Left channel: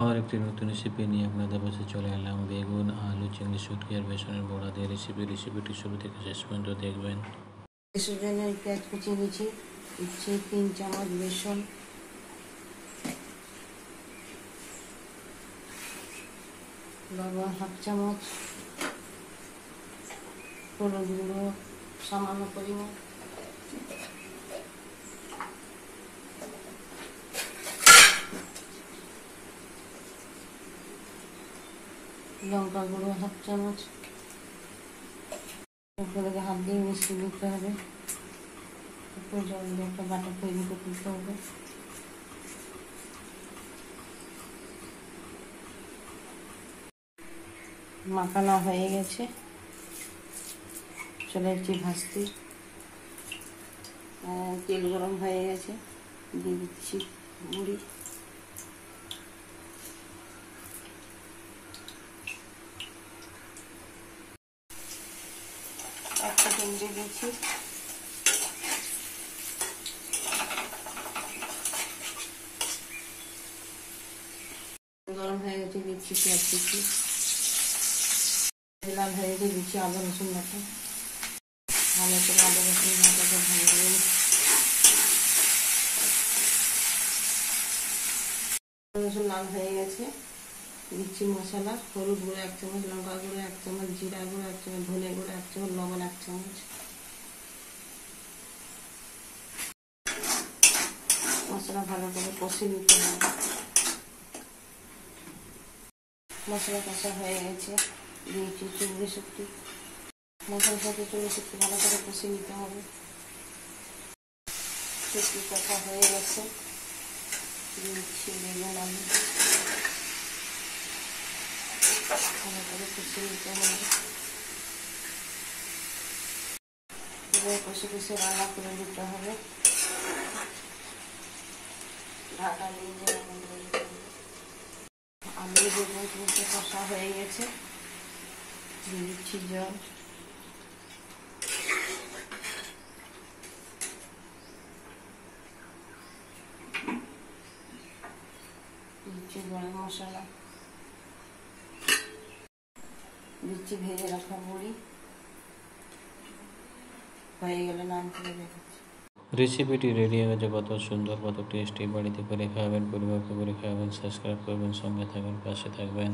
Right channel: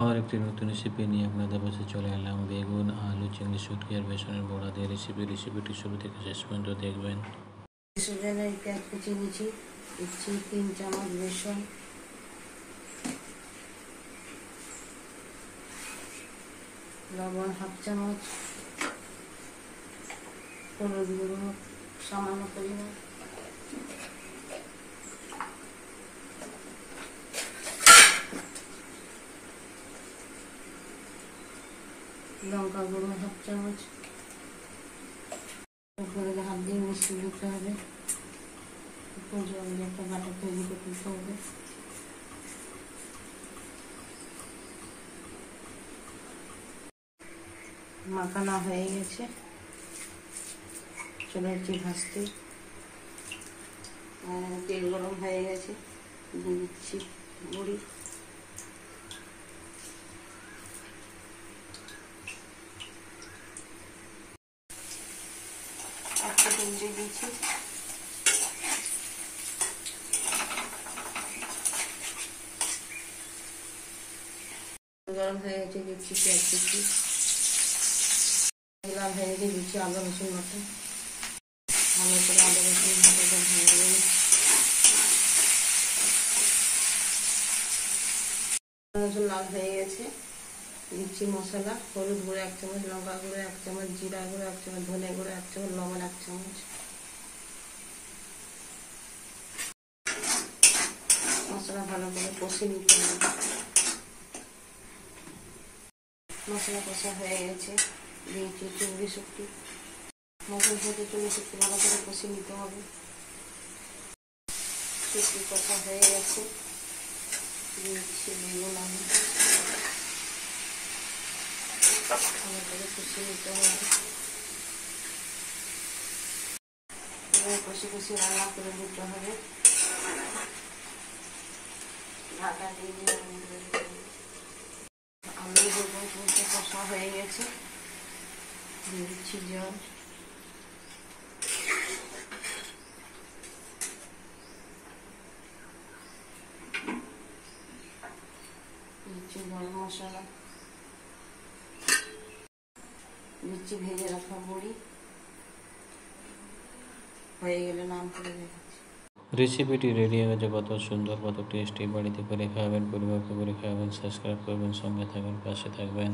আর একটি নতুন রেসিপি নিয়ে আপনাদের পাশে চলে এলাম। বেগুন, আলু, চিংড়ি, শুটকি আর বেসনের বড়া দিয়ে রেসিপিটি শুরু থেকে শেষ পর্যন্ত দেখবেন। বেসনের পেঁয়াজ কুচি দিচ্ছি 3 চামচ বেসন, লবণ 1/2 চামচ, হলুদ গুঁড়ো সামান্য পরিমাণ, লঙ্কা গুঁড়ো 1/2 চামচ। এগুলোকে হাত দিয়ে মিশিয়ে দিতে হবে। একটু জল দিয়ে একটা বাটা তৈরি করে দিতে হবে। মাখানো হয়ে গেছে, চলে যাচ্ছি ভাজতে। তেল গরম হয়ে গেছে, দিয়ে দিচ্ছি বড়ি। একটা তেল দিয়ে দিচ্ছি, গরম হয়ে গেছে, দিচ্ছি পেঁয়াজ কুচি। লাল হয়ে গেছে, দিচ্ছি আদা রসুন বাটা। ভালো করে আদা রসুন বাটাটা ভেজে নেব। রসুন লাল হয়ে গেছে, দিচ্ছি মশলা। হলুদ গুঁড়ো 1 চামচ, লঙ্কা গুঁড়ো 1 চামচ, জিরা গুঁড়ো 1 চামচ, ধনে গুঁড়ো 1 চামচ, লবণ 1 চামচ। মশলা ভালো করে কষে নিতে হবে। মশলা কষা হয়ে গেছে, দিয়েছি চিংড়ি শুটকি। মশলা সাথে চিংড়ি শুটকি ভালো করে কষে নিতে হবে। শুটকি কষা হয়ে গেছে, দিচ্ছি বেগুন আলু, ভালো করে কষে নিতে হবে। কষে কষে রান্না করে নিতে হবে। ঢাকা দিয়ে আলু বেগুন কষা হয়ে গেছে, দিয়ে দিচ্ছি জল। দিচ্ছি গরম মশলা, দিচ্ছি ভেজে রাখা বড়ি। হয়ে গেলে নাম করে দেখাচ্ছি। রেসিপিটি রেডি হয়ে গেছে। কত সুন্দর, কত টেস্টি। বাড়িতে করে খাবেন, পরিবারকে করে খাবেন। সাবস্ক্রাইব করবেন, সঙ্গে থাকবেন, পাশে থাকবেন।